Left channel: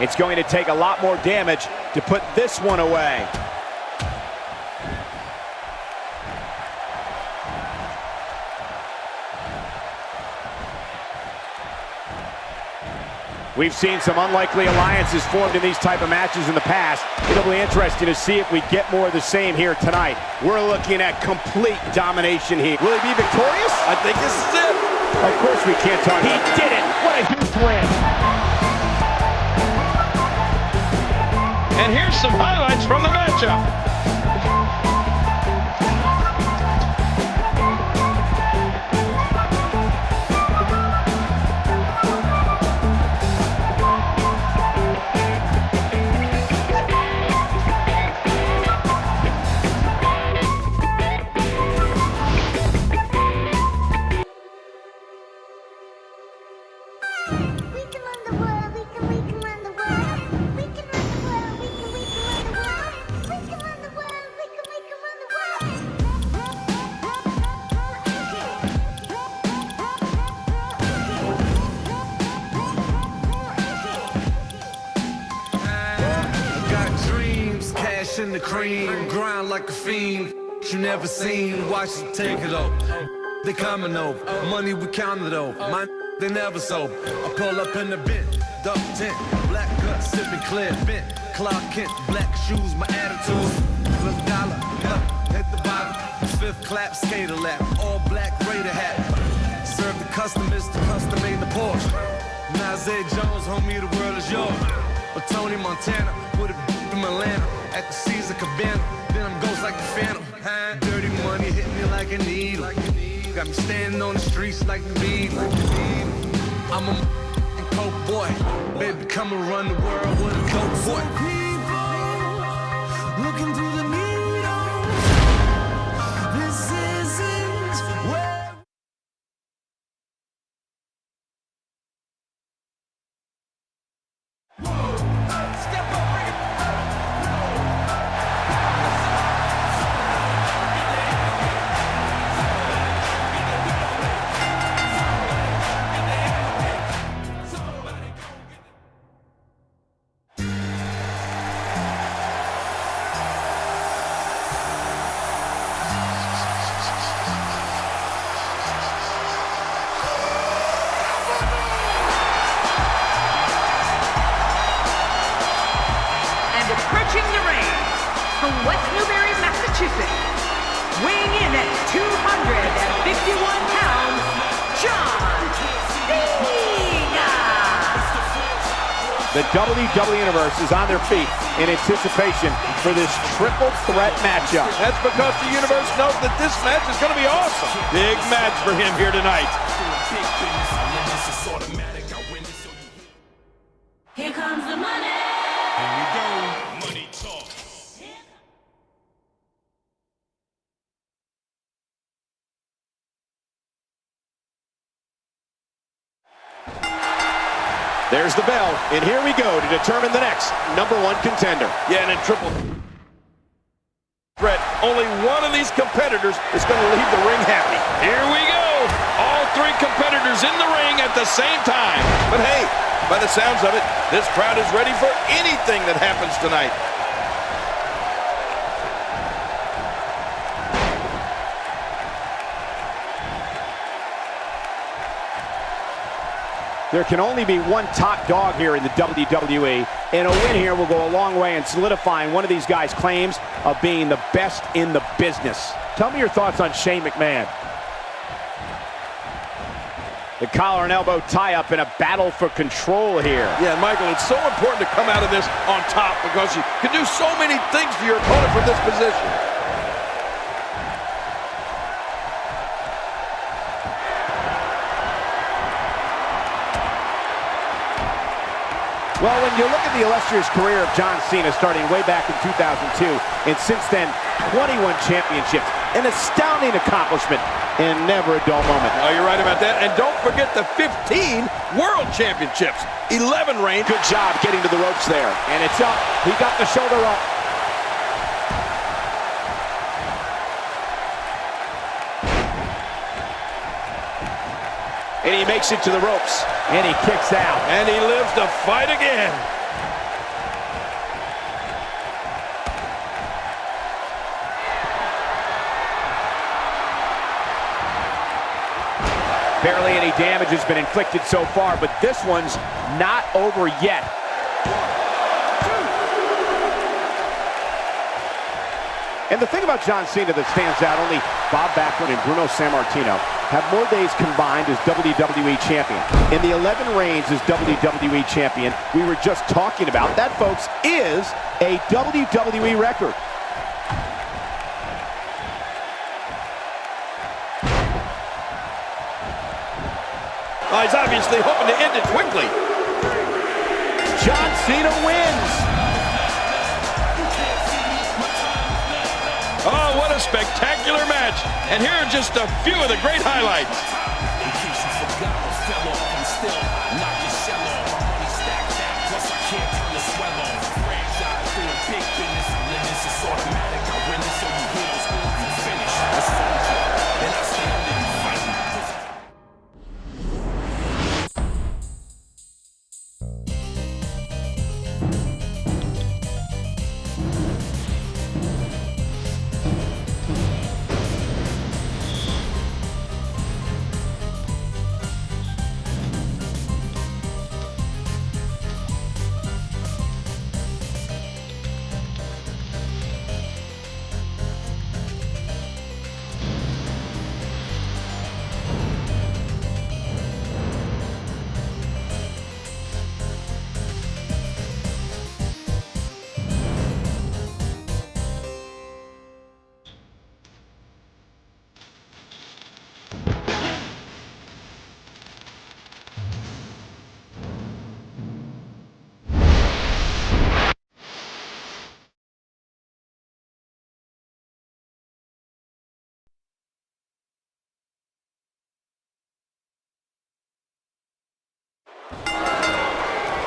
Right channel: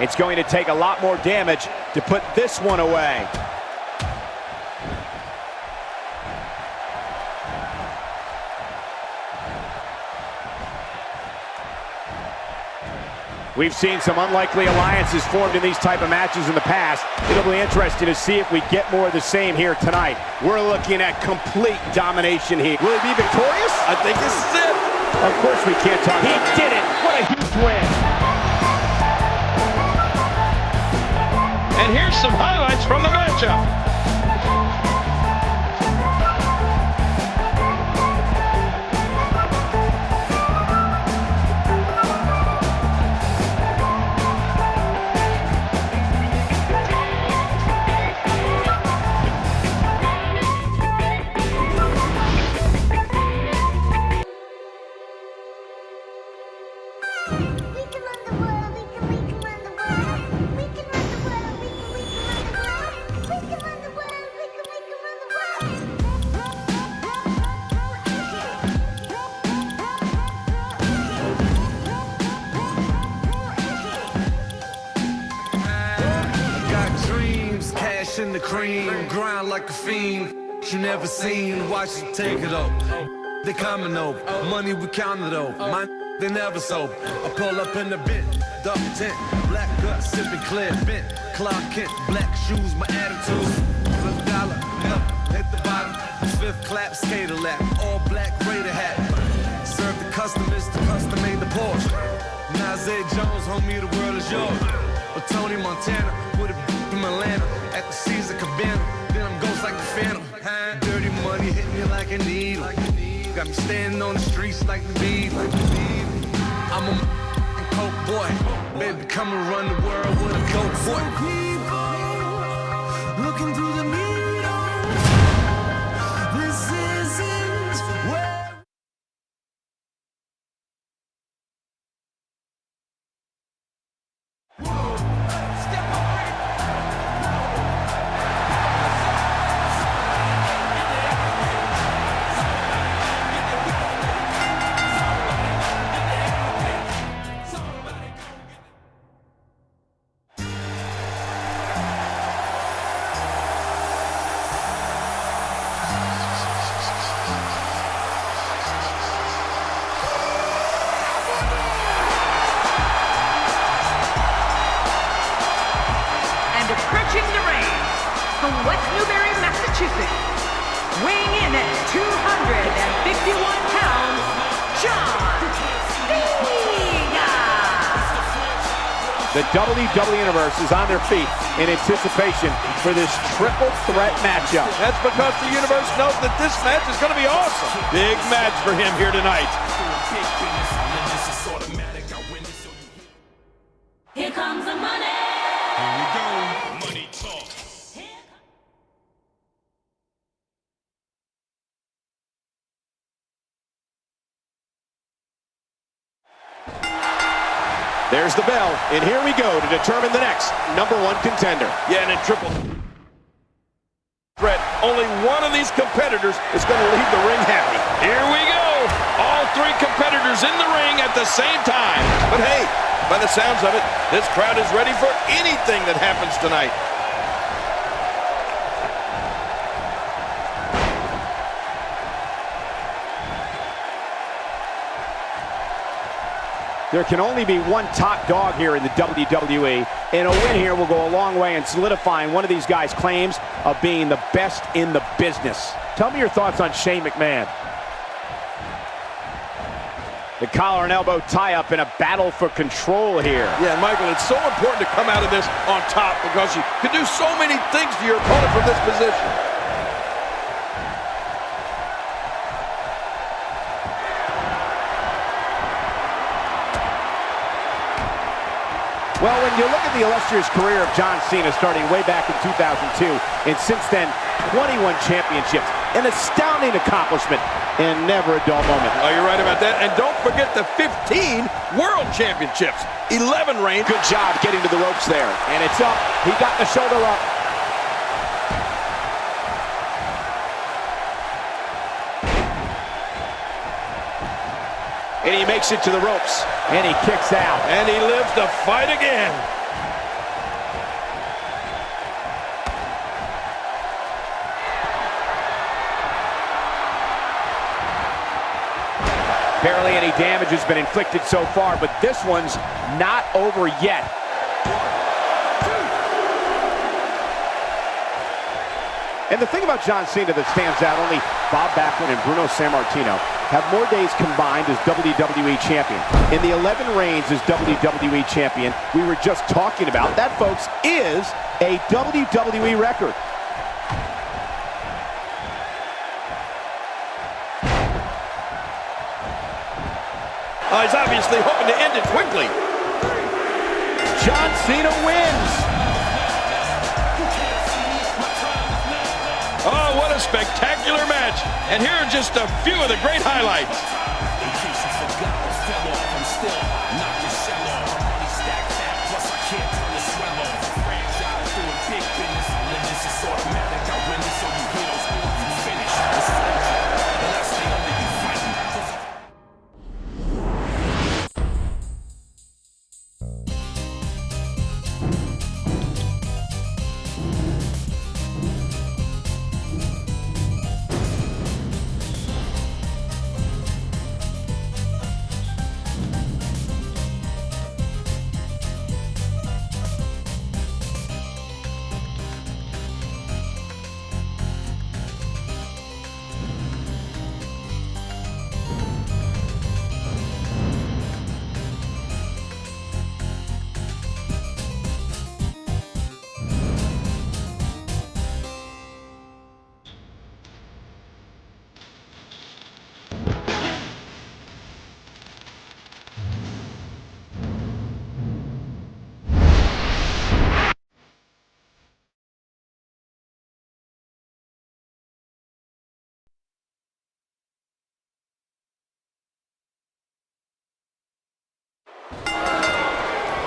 It's going to take a lot more damage to put this one away. We've seen some unlikely alliances formed in these type of matches in the past. It'll be interesting to see if we get more of the same here tonight. We're looking at complete domination here. Will he be victorious? I think this is it. Of course we can't talk about it. He did it! What a huge win! And here's some highlights from the matchup. Dreams, cash in the cream, grind like a fiend. You never seen, watch you take it up. They coming over, money we counted over. My they never sober. I pull up in the bit, duck tent, black gut sipping clear bent. Clark Kent, black shoes, my attitudes. $5, nothing, hit the bottom. Fifth clap, skater lap, all black Raider hat. Serve the customers to custom made the Porsche. Nazir Jones, homie, the world is yours. Or Tony Montana with a from Atlanta at the Caesar Cabana. Then I'm ghost like the Phantom. Dirty money hit me like a needle. Got me standing on the streets like the beat. I'm a coke boy. Baby, come and run the world with a dope boy. People looking through the needle. This isn't where. Approaching the ring from West Newbury, Massachusetts, weighing in at 251 pounds, John Cena. The WWE Universe is on their feet in anticipation for this triple threat matchup. That's because the Universe knows that this match is going to be awesome. Big match for him here tonight. Here comes the money. Here we go. Money talk. There's the bell, and here we go to determine the next #1 contender. Yeah, and in triple threat, only one of these competitors is going to leave the ring happy. Here we go. All three competitors in the ring at the same time. But hey, by the sounds of it, this crowd is ready for anything that happens tonight. There can only be one top dog here in the WWE, and a win here will go a long way in solidifying one of these guys' claims of being the best in the business. Tell me your thoughts on Shane McMahon. The collar and elbow tie-up in a battle for control here. Yeah, Michael, it's so important to come out of this on top because you can do so many things to your opponent from this position. Well, when you look at the illustrious career of John Cena starting way back in 2002, and since then, 21 championships, an astounding accomplishment, and never a dull moment. Oh, you're right about that. And don't forget the 15 World Championships, 11 reigns. Good job getting to the ropes there. And it's up. He got the shoulder up. And he makes it to the ropes. And he kicks out. And he lives to fight again. Barely any damage has been inflicted so far, but this one's not over yet. 1, 2. And the thing about John Cena that stands out, only Bob Backlund and Bruno Sammartino have more days combined as WWE Champion. In the 11 reigns as WWE Champion we were just talking about, that, folks, is a WWE record. He's obviously hoping to end it quickly. John Cena wins. Oh, what a spectacular match. And here are just a few of the great highlights. In case you forgot what fell off, I'm still hot, knock your shell off. My money stacked fat, plus I can't turn the swell off. Franchise doing big business, this is automatic. I win this, so you hear those horns, you finish. A soldier, and I stay under you fighting.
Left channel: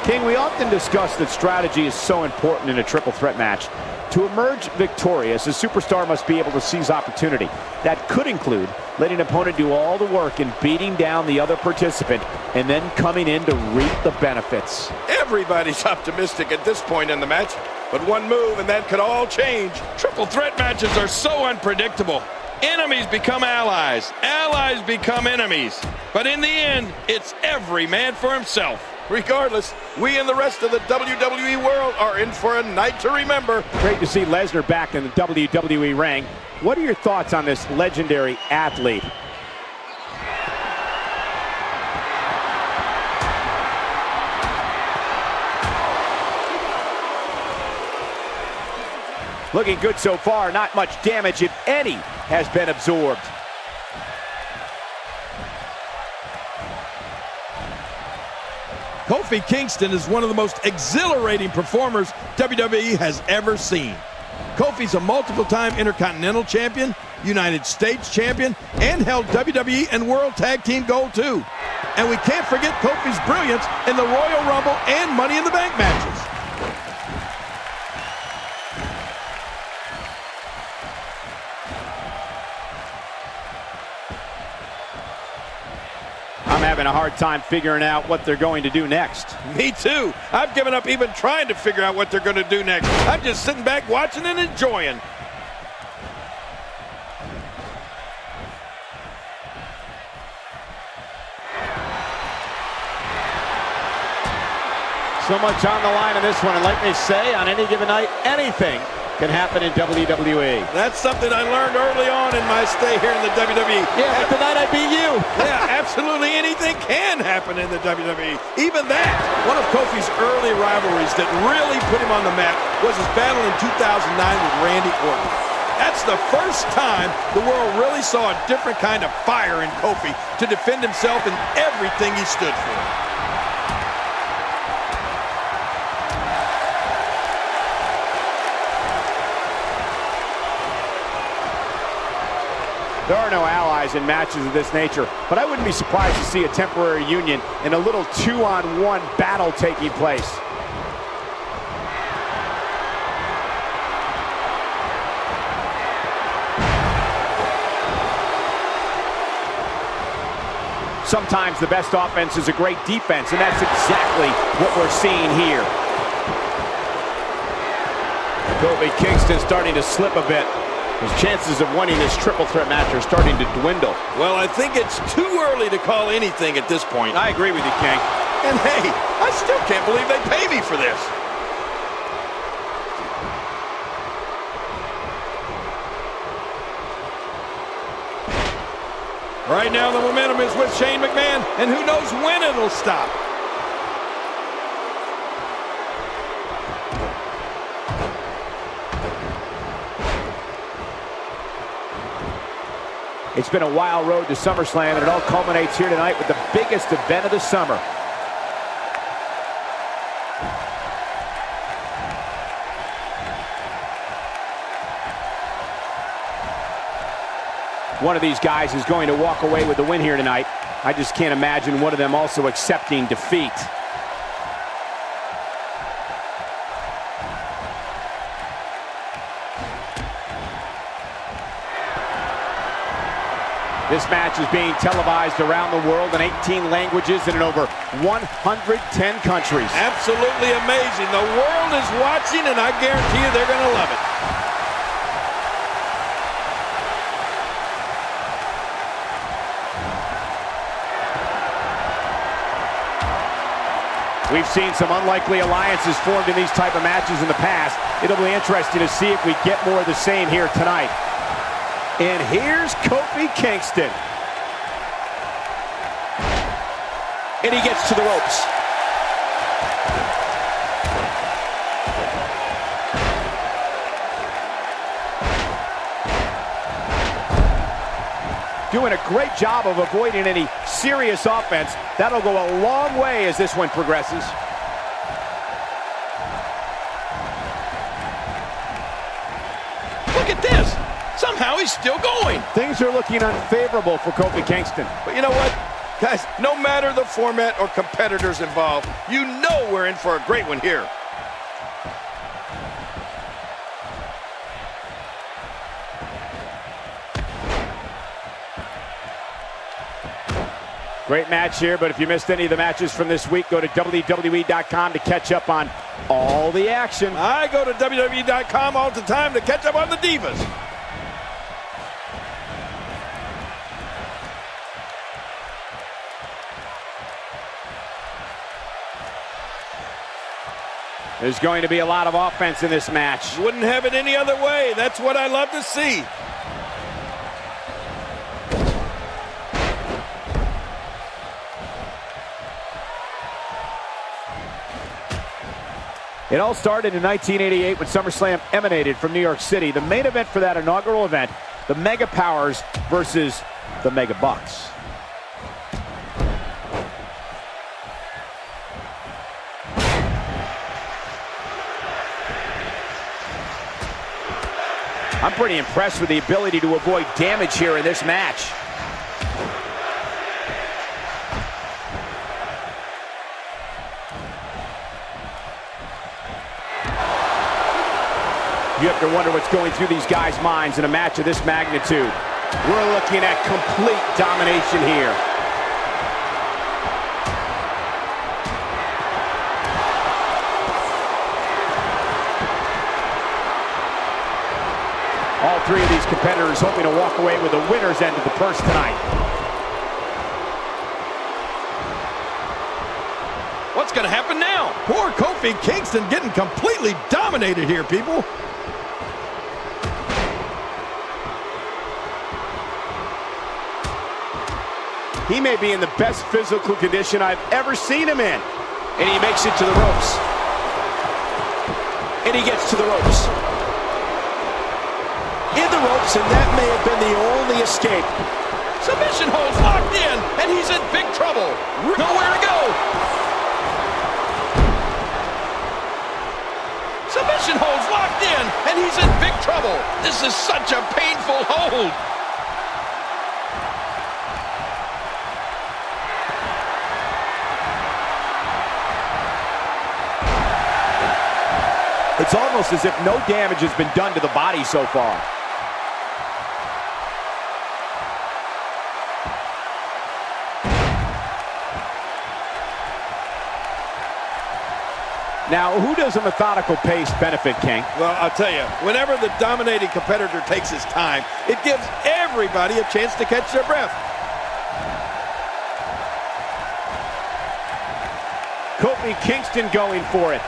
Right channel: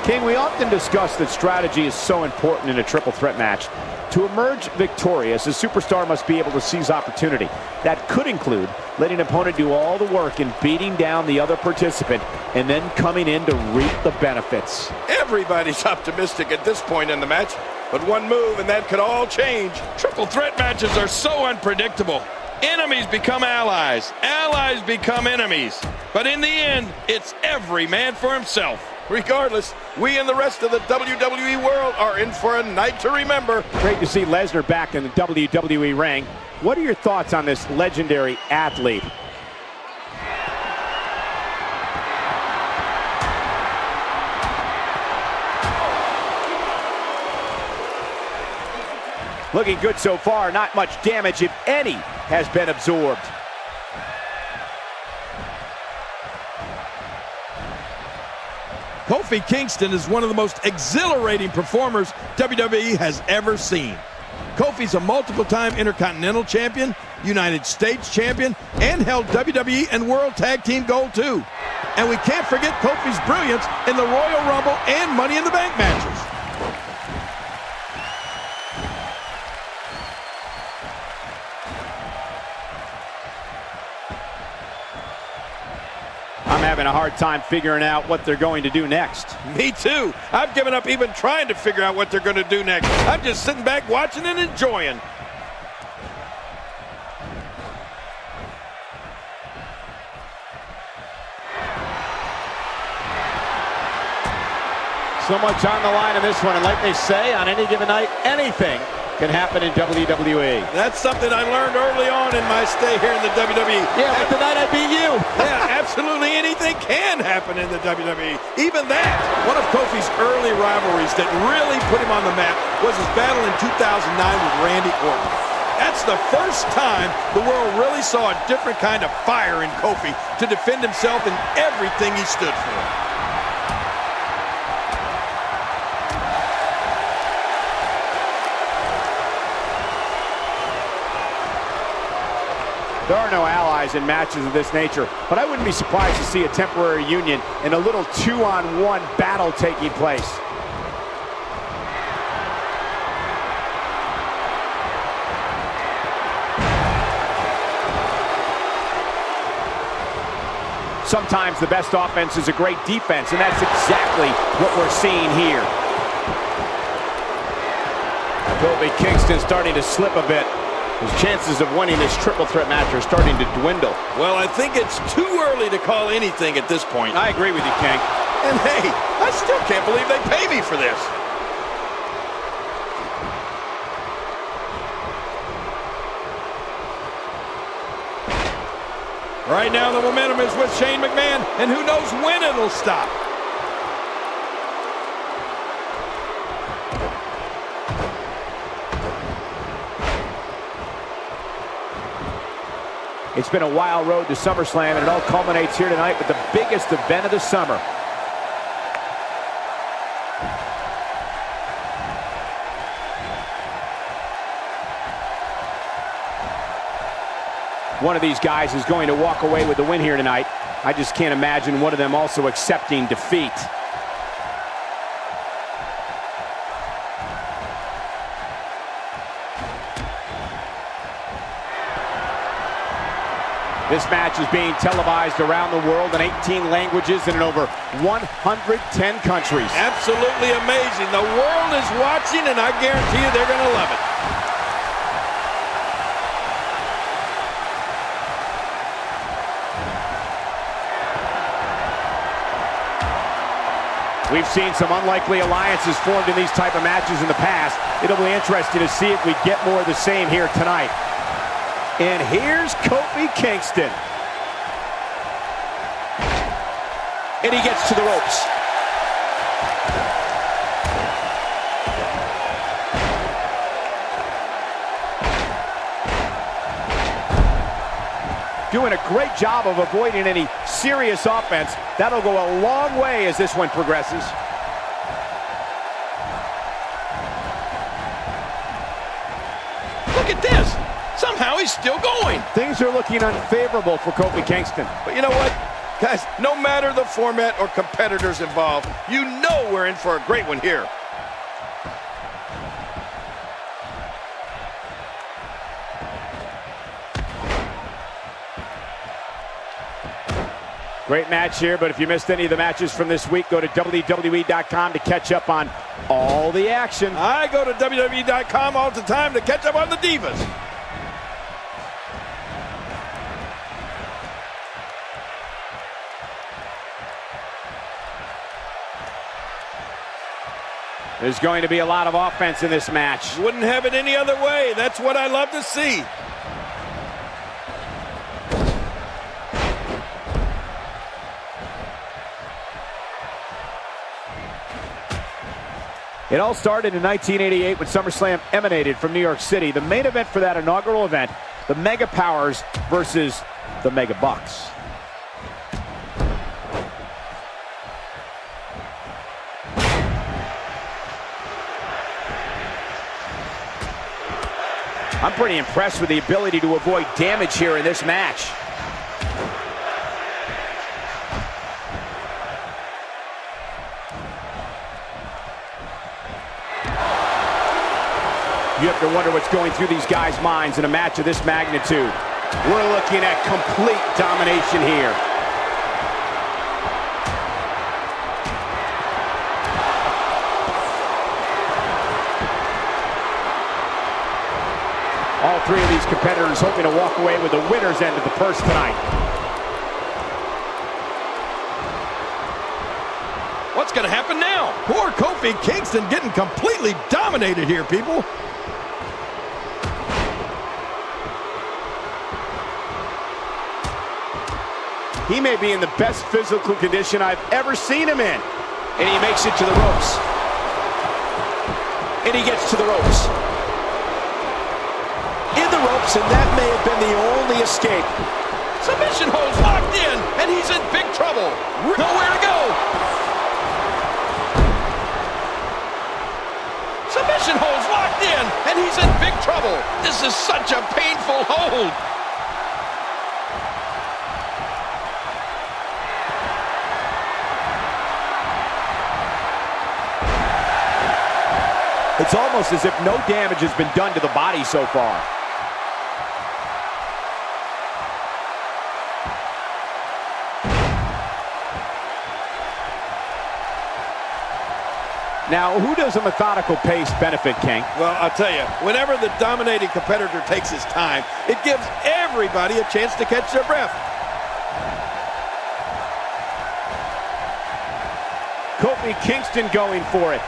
King, we often discuss that strategy is so important in a triple threat match. To emerge victorious, a superstar must be able to seize opportunity. That could include letting an opponent do all the work and beating down the other participant and then coming in to reap the benefits. Everybody's optimistic at this point in the match, but one move and that could all change. Triple threat matches are so unpredictable. Enemies become allies, allies become enemies. But in the end, it's every man for himself. Regardless, we and the rest of the WWE world are in for a night to remember. Great to see Lesnar back in the WWE ring. What are your thoughts on this legendary athlete? Looking good so far. Not much damage, if any, has been absorbed. Kofi Kingston is one of the most exhilarating performers WWE has ever seen. Kofi's a multiple-time Intercontinental Champion, United States Champion, and held WWE and World Tag Team Gold too. And we can't forget Kofi's brilliance in the Royal Rumble and Money in the Bank matches. I'm having a hard time figuring out what they're going to do next. Me too. I've given up even trying to figure out what they're going to do next. I'm just sitting back watching and enjoying. So much on the line in this one, and like they say, on any given night, anything can happen in WWE. That's something I learned early on in my stay here in the WWE. Yeah, but tonight I beat you. Yeah, absolutely anything can happen in the WWE. Even that. One of Kofi's early rivalries that really put him on the map was his battle in 2009 with Randy Orton. That's the first time the world really saw a different kind of fire in Kofi to defend himself in everything he stood for. There are no allies in matches of this nature, but I wouldn't be surprised to see a temporary union and a little two-on-one battle taking place. Sometimes the best offense is a great defense, and that's exactly what we're seeing here. Kofi Kingston starting to slip a bit. His chances of winning this triple threat match are starting to dwindle. Well, I think it's too early to call anything at this point. I agree with you, King. And hey, I still can't believe they pay me for this. Right now, the momentum is with Shane McMahon, and who knows when it'll stop. It's been a wild road to SummerSlam, and it all culminates here tonight with the biggest event of the summer. One of these guys is going to walk away with the win here tonight. I just can't imagine one of them also accepting defeat. This match is being televised around the world in 18 languages and in over 110 countries. Absolutely amazing. The world is watching, and I guarantee you they're going to love it. We've seen some unlikely alliances formed in these type of matches in the past. It'll be interesting to see if we get more of the same here tonight. And here's Kofi Kingston. And he gets to the ropes. Doing a great job of avoiding any serious offense. That'll go a long way as this one progresses. Look at this. Somehow he's still going. Things are looking unfavorable for Kofi Kingston. But you know what? Guys, no matter the format or competitors involved, you know we're in for a great one here. Great match here, but if you missed any of the matches from this week, go to WWE.com to catch up on all the action. I go to WWE.com all the time to catch up on the Divas. There's going to be a lot of offense in this match. Wouldn't have it any other way. That's what I love to see. It all started in 1988 when SummerSlam emanated from New York City. The main event for that inaugural event, the Mega Powers versus the Mega Bucks. I'm pretty impressed with the ability to avoid damage here in this match. You have to wonder what's going through these guys' minds in a match of this magnitude. We're looking at complete domination here. All three of these competitors hoping to walk away with the winner's end of the purse tonight. What's going to happen now? Poor Kofi Kingston getting completely dominated here, people. He may be in the best physical condition I've ever seen him in. And he makes it to the ropes. And he gets to the ropes. In the ropes, and that may have been the only escape. Submission holds locked in, and he's in big trouble. Nowhere to go. Submission holds locked in, and he's in big trouble. This is such a painful hold. It's almost as if no damage has been done to the body so far. Now, who does a methodical pace benefit, King? Well, I'll tell you, whenever the dominating competitor takes his time, it gives everybody a chance to catch their breath. Kofi Kingston going for it.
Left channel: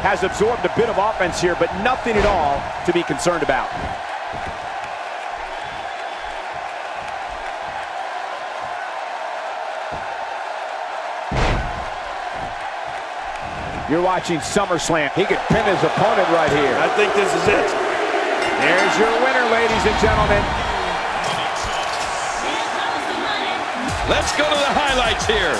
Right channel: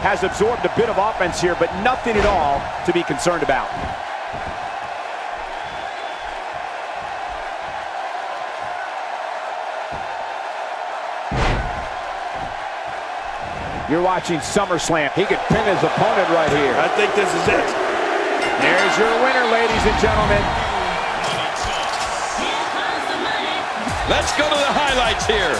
Has absorbed a bit of offense here, but nothing at all to be concerned about. You're watching SummerSlam. He could pin his opponent right here. I think this is it. There's your winner, ladies and gentlemen. Let's go to the highlights here.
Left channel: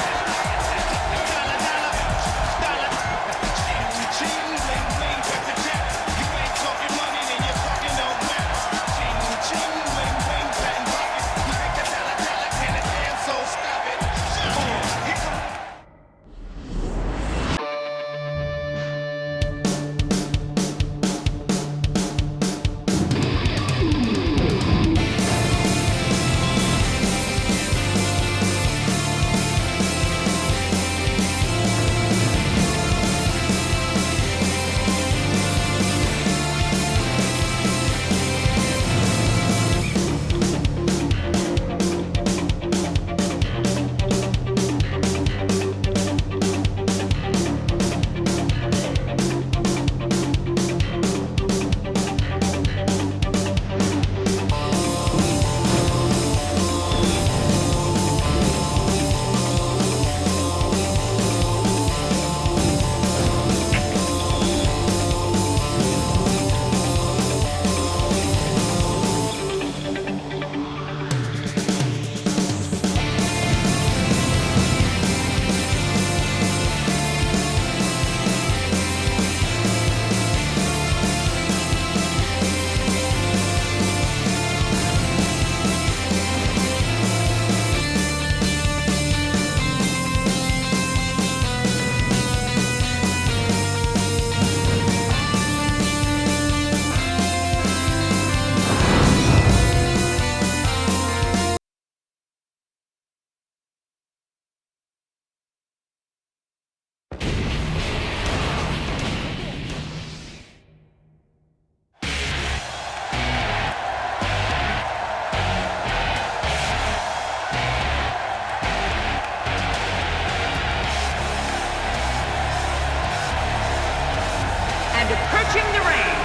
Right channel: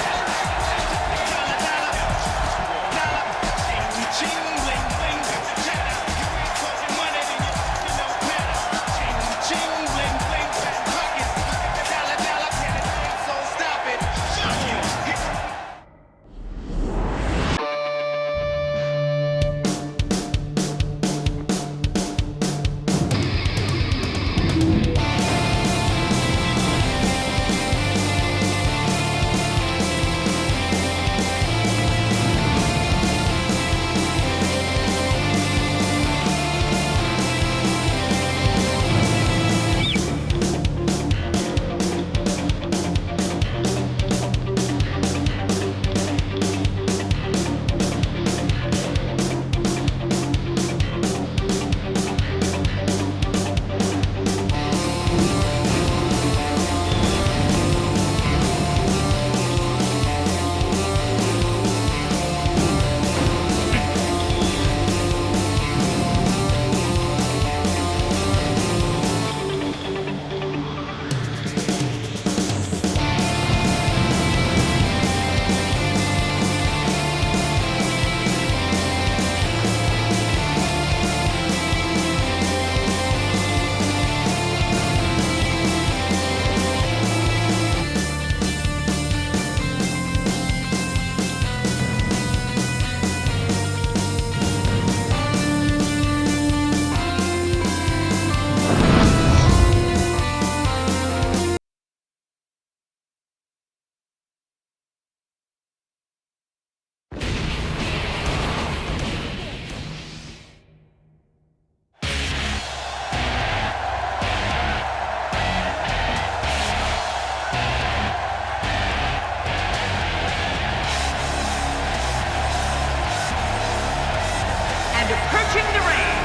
Approaching the ring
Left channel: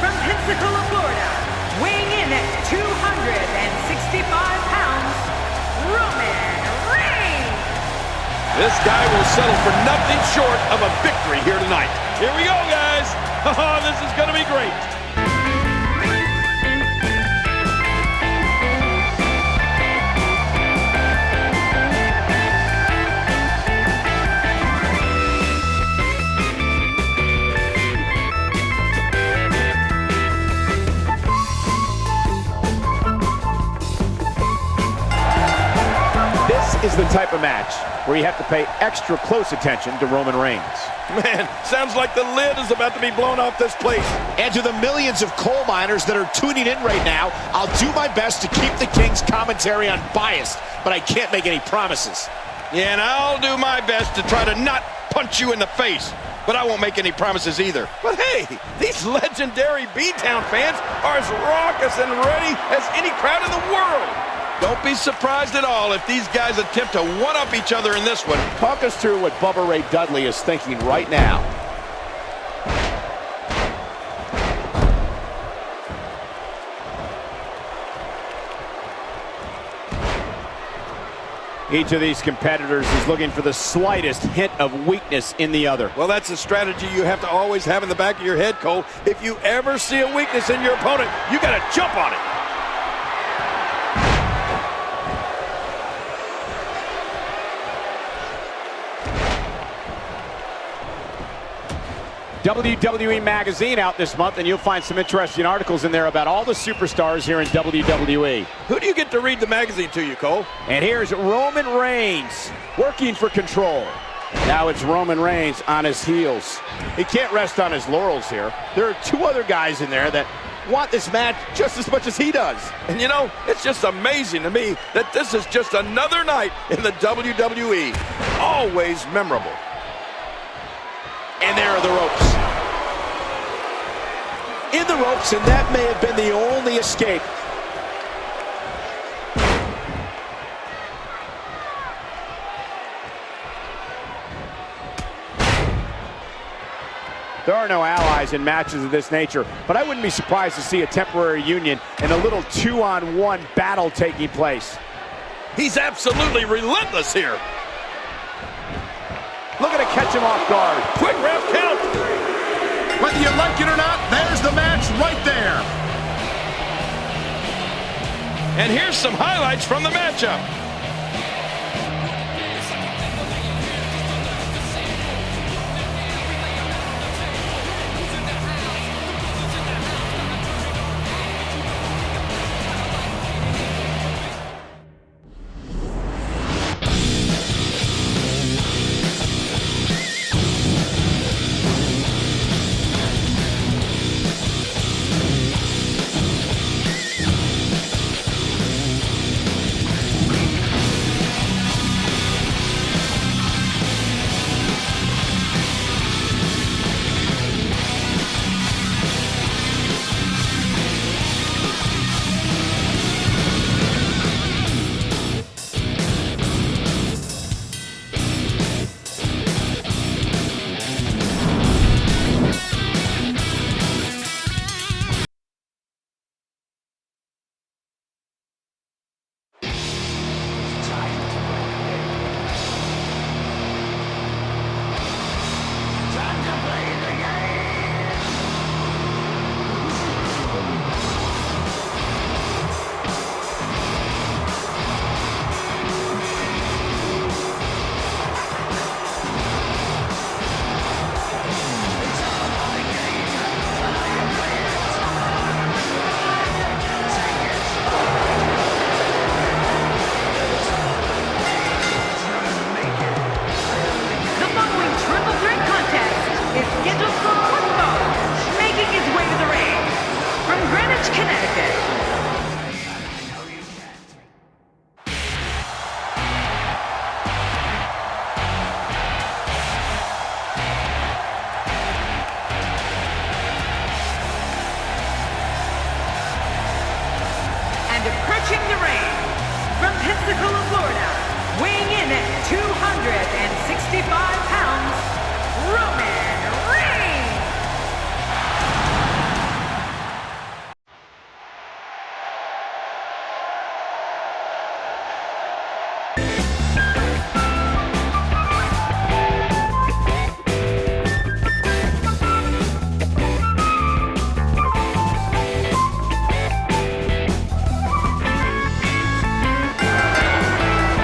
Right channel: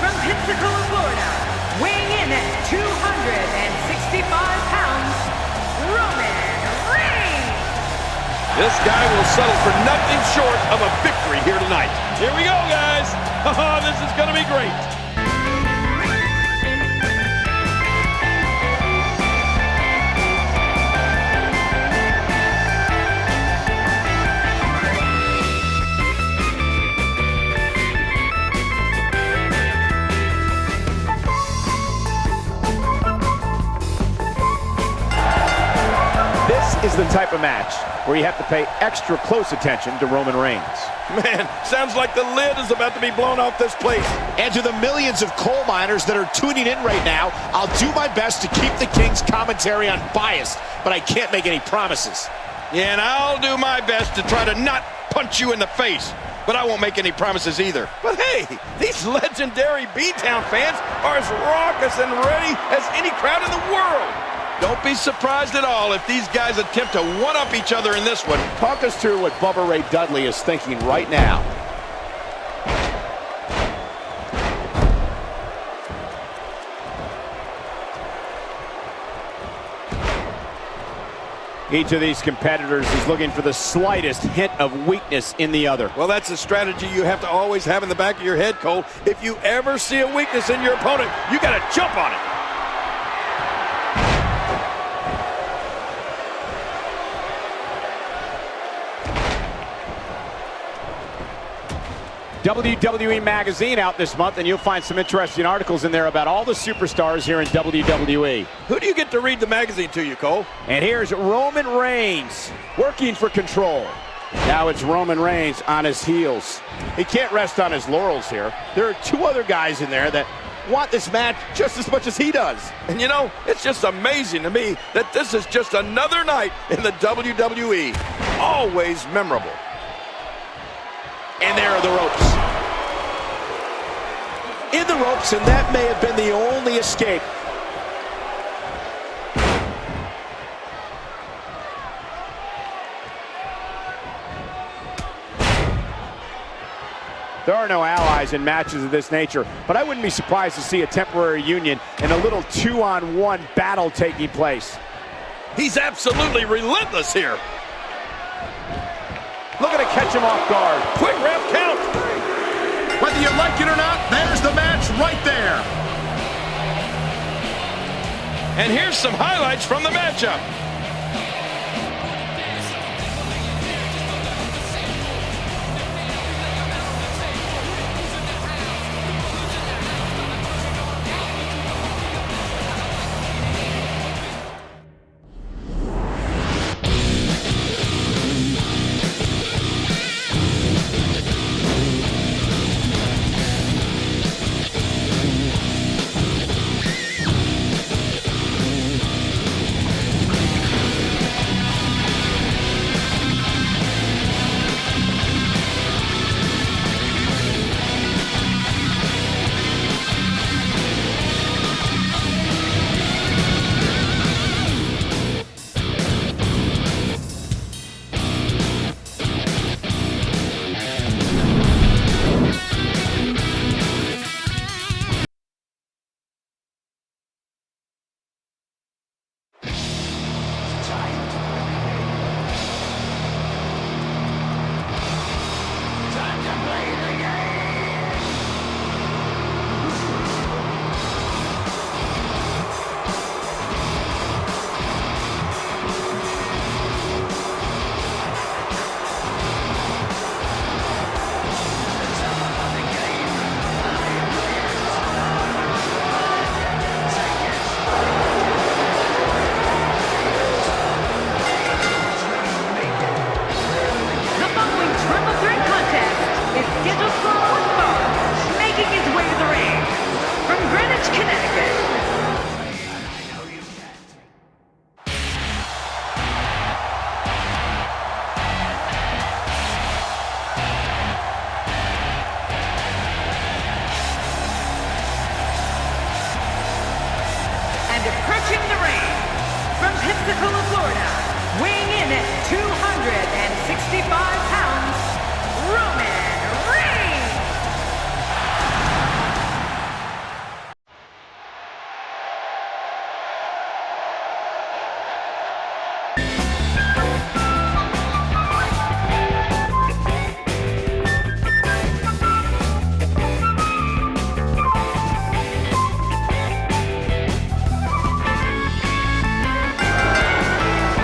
from Pensacola, Florida, weighing in at 265 pounds, Roman Reigns. This guy will settle for nothing short of a victory here tonight. Here we go, guys. Oh, this is going to be great. Is the type of match where you have to pay extra close attention to Roman Reigns. Man, sounds like the lid is about to be blown off this place. And to the millions of coal miners that are tuning in right now, I'll do my best to keep the King's commentary unbiased, but I can't make any promises. Yeah, and I'll do my best to try to not punch you in the face, but I won't make any promises either. But hey, these legendary B-Town fans are as raucous and ready as any crowd in the world. Don't be surprised at all if these guys attempt to one-up each other in this one. Talk us through what Bubba Ray Dudley is thinking right now. Each of these competitors is looking for the slightest hint of weakness in the other. Well, that's a strategy you have to always have in the back of your head, Cole. If you ever see a weakness in your opponent, you got to jump on it. WWE Magazine out this month, and you'll find some interesting articles in there about all the superstars here in WWE. Who do you get to read the magazine to you, Cole? And here's Roman Reigns working for control. Now it's Roman Reigns on his heels. He can't rest on his laurels here. There are two other guys in there that want this match just as much as he does. And you know, it's just amazing to me that this is just another night in the WWE. Always memorable. And there are the ropes. In the ropes, and that may have been the only escape. There are no allies in matches of this nature, but I wouldn't be surprised to see a temporary union and a little 2-on-1 battle taking place. He's absolutely relentless here. Looking to catch him off guard. Quick ref count. Whether you like it or not, there's the match right there. And here's some highlights from the matchup. Approaching the ring from Pensacola, Florida, weighing in at 265 pounds, Roman Reigns.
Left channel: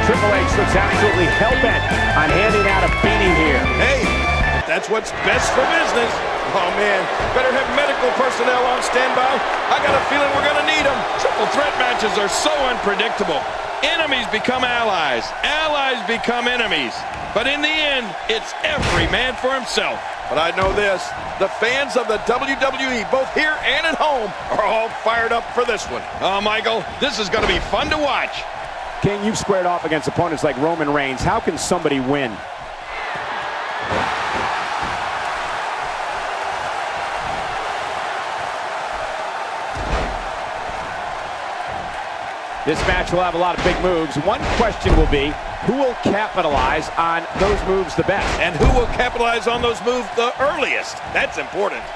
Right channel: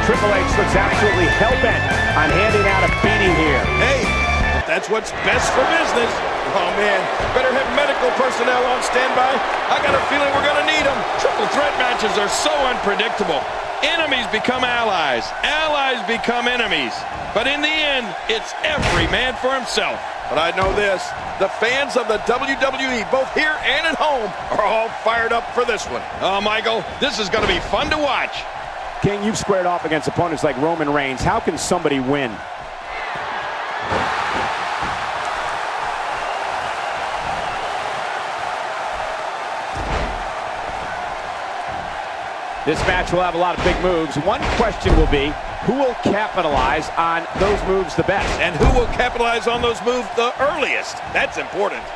Triple H looks absolutely hell-bent on handing out a beating here. Hey, if that's what's best for business. Oh, man, better have medical personnel on standby. I got a feeling we're going to need them. Triple threat matches are so unpredictable. Enemies become allies. Allies become enemies. But in the end, it's every man for himself. But I know this, the fans of the WWE, both here and at home, are all fired up for this one. Oh, Michael, this is going to be fun to watch. King, you've squared off against opponents like Roman Reigns. How can somebody win? This match will have a lot of big moves. One question will be, who will capitalize on those moves the best? And who will capitalize on those moves the earliest? That's important.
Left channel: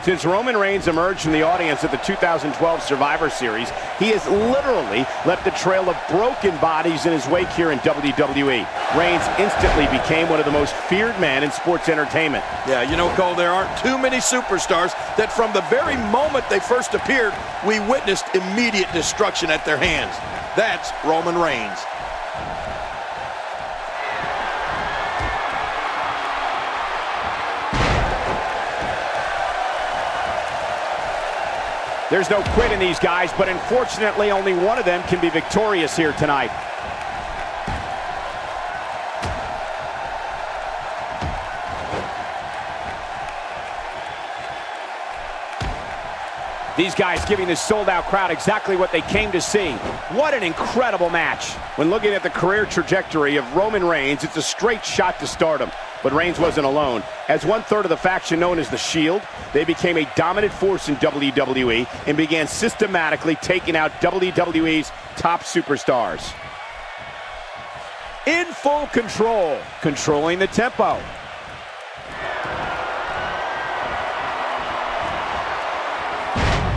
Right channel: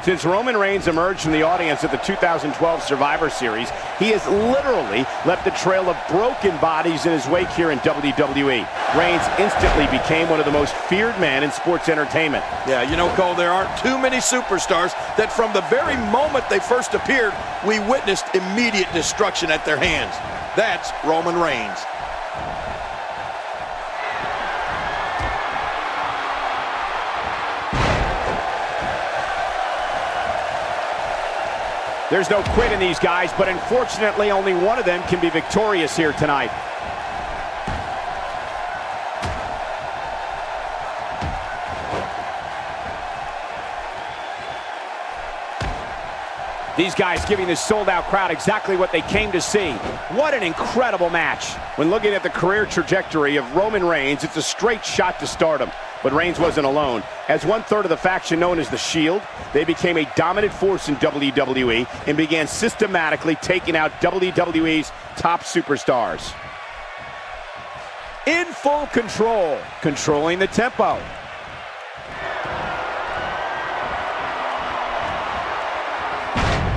Since Roman Reigns emerged from the audience at the 2012 Survivor Series, he has literally left a trail of broken bodies in his wake here in WWE. Reigns instantly became one of the most feared men in sports entertainment. Yeah, you know, Cole, there aren't too many superstars that from the very moment they first appeared, we witnessed immediate destruction at their hands. That's Roman Reigns. There's no quit in these guys, but unfortunately only one of them can be victorious here tonight. These guys giving this sold-out crowd exactly what they came to see. What an incredible match. When looking at the career trajectory of Roman Reigns, it's a straight shot to stardom. But Reigns wasn't alone. As one-third of the faction known as The Shield, they became a dominant force in WWE and began systematically taking out WWE's top superstars. In full control, controlling the tempo.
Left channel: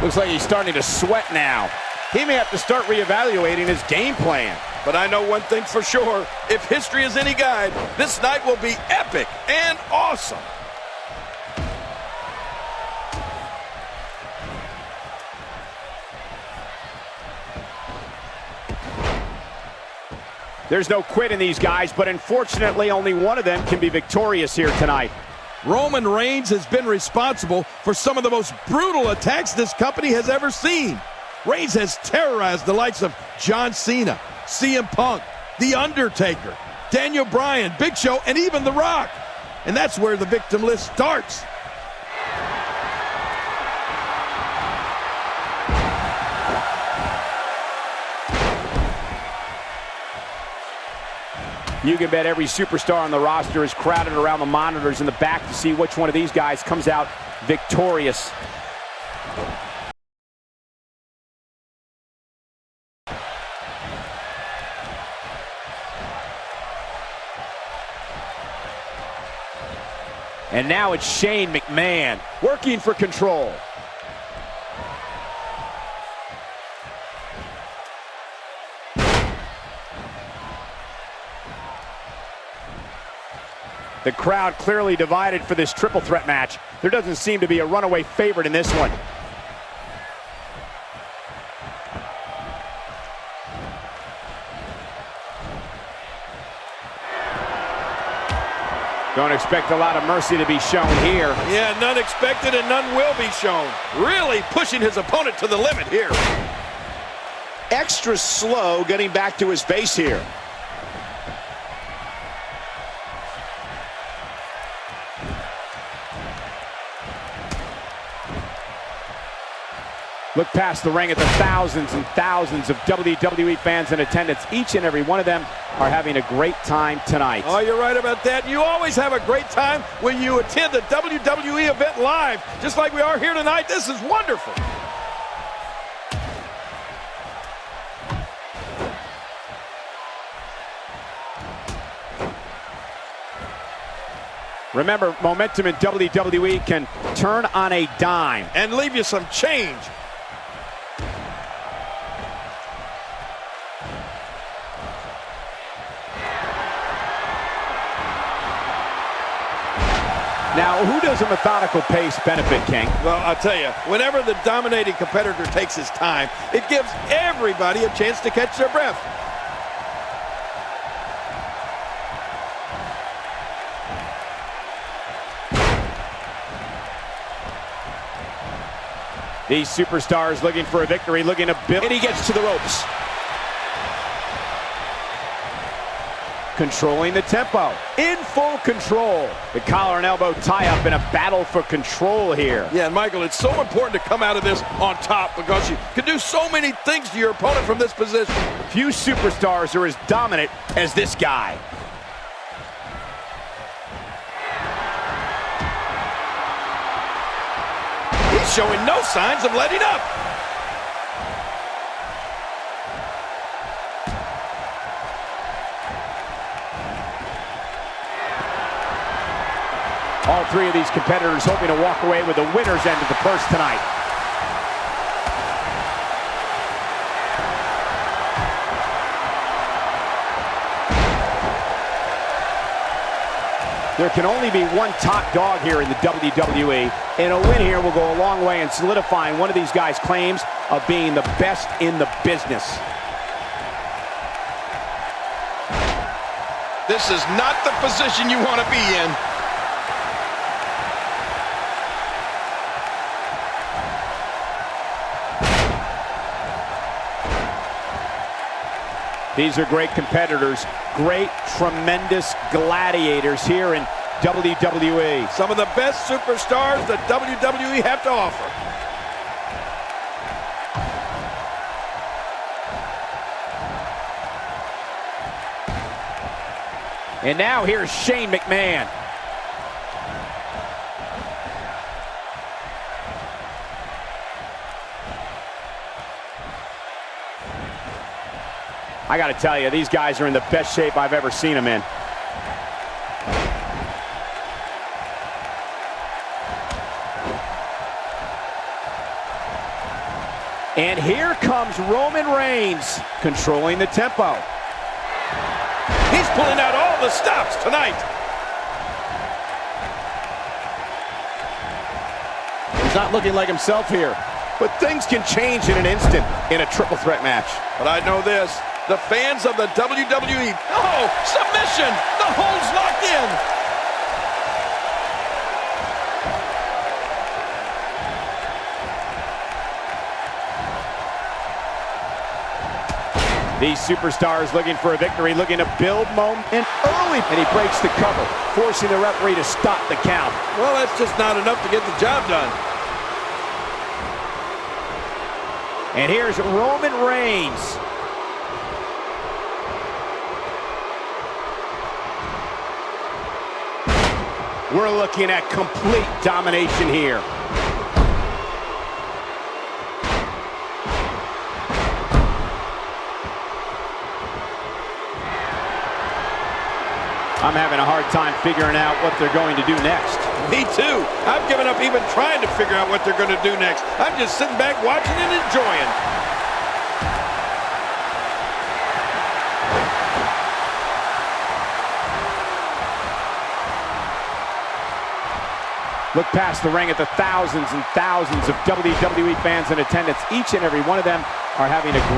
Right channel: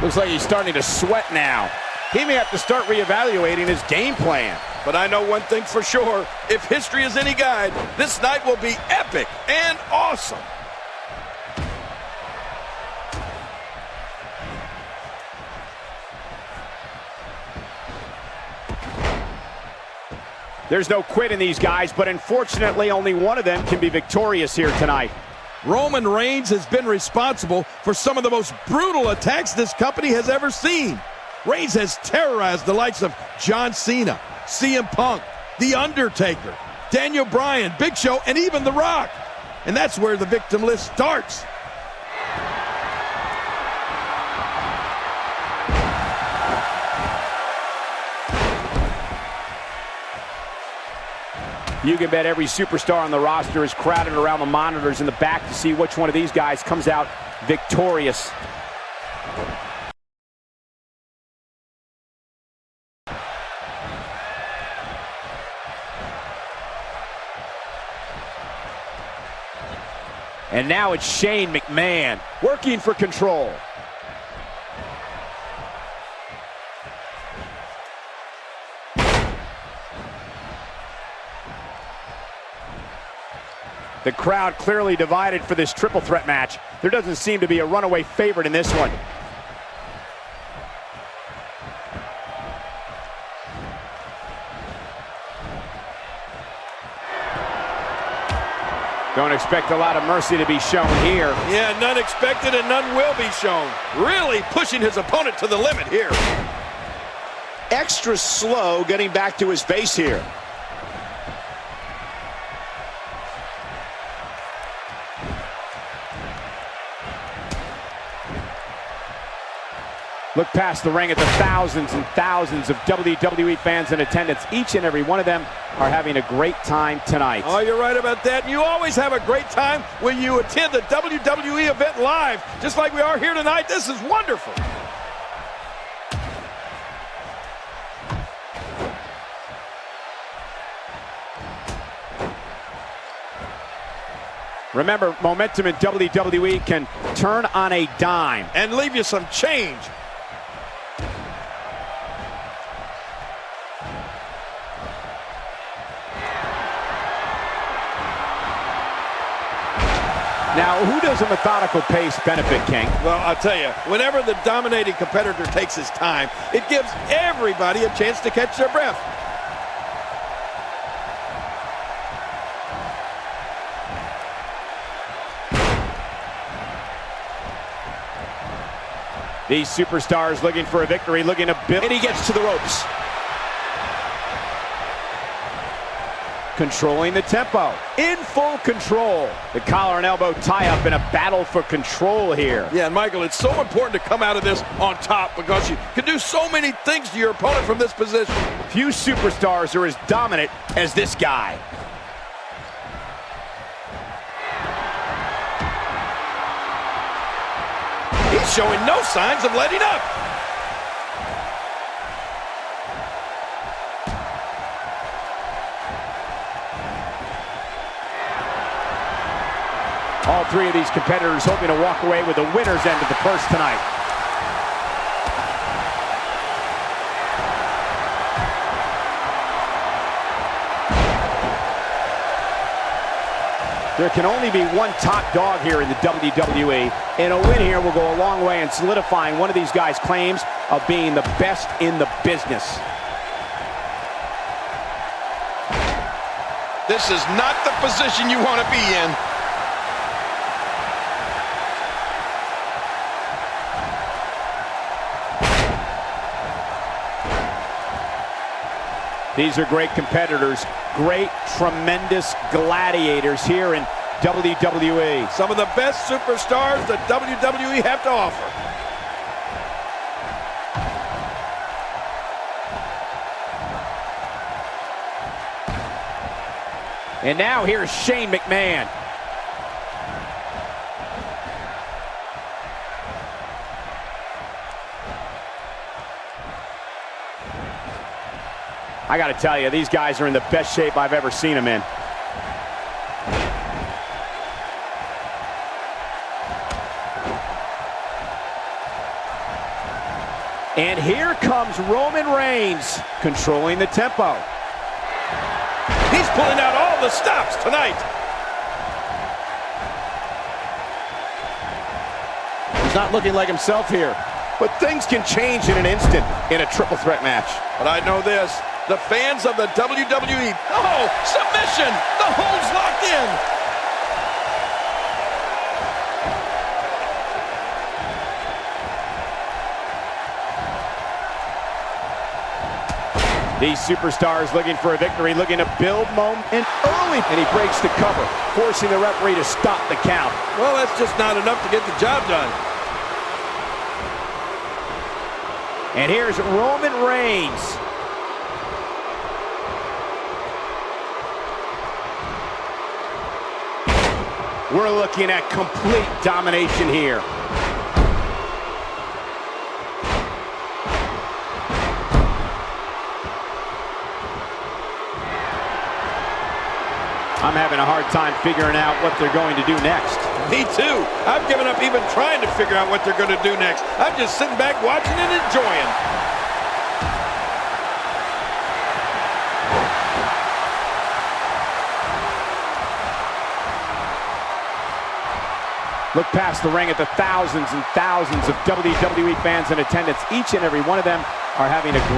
Looks like he's starting to sweat now. He may have to start reevaluating his game plan. But I know one thing for sure. If history is any guide, this night will be epic and awesome. There's no quit in these guys, but unfortunately only one of them can be victorious here tonight. Roman Reigns has been responsible for some of the most brutal attacks this company has ever seen. Reigns has terrorized the likes of John Cena, CM Punk, The Undertaker, Daniel Bryan, Big Show, and even The Rock. And that's where the victim list starts. You can bet every superstar on the roster is crowded around the monitors in the back to see which one of these guys comes out victorious. And now it's Shane McMahon working for control. The crowd clearly divided for this triple threat match. There doesn't seem to be a runaway favorite in this one. Don't expect a lot of mercy to be shown here. Yeah, none expected and none will be shown. Really pushing his opponent to the limit here. Extra slow getting back to his base here. Look past the ring at the thousands and thousands of WWE fans in attendance. Each and every one of them are having a great time tonight. Oh, you're right about that. You always have a great time when you attend a WWE event live, just like we are here tonight. This is wonderful. Remember, momentum in WWE can turn on a dime and leave you some change. Now, who does a methodical pace benefit, King? Well, I'll tell you, whenever the dominating competitor takes his time, it gives everybody a chance to catch their breath. These superstars looking for a victory, looking to build. And he gets to the ropes. Controlling the tempo, in full control. The collar and elbow tie-up in a battle for control here. Yeah, and Michael, it's so important to come out of this on top because you can do so many things to your opponent from this position. Few superstars are as dominant as this guy. He's showing no signs of letting up. All three of these competitors hoping to walk away with the winner's end of the purse tonight. There can only be one top dog here in the WWE, and a win here will go a long way in solidifying one of these guys' claims of being the best in the business. This is not the position you want to be in. These are great competitors, great, tremendous gladiators here in WWE. Some of the best superstars that WWE have to offer. And now here's Shane McMahon. I got to tell you, these guys are in the best shape I've ever seen them in. And here comes Roman Reigns, controlling the tempo. He's pulling out all the stops tonight. He's not looking like himself here. But things can change in an instant in a triple threat match. But I know this, the fans of the WWE, oh, submission, the hold's locked in. These superstars looking for a victory, looking to build momentum early. And he breaks the cover, forcing the referee to stop the count. Well, that's just not enough to get the job done. And here's Roman Reigns. We're looking at complete domination here. I'm having a hard time figuring out what they're going to do next. Me too. I've given up even trying to figure out what they're going to do next. I'm just sitting back watching and enjoying. Look past the ring at the thousands and thousands of WWE fans in attendance. Each and every one of them are having a great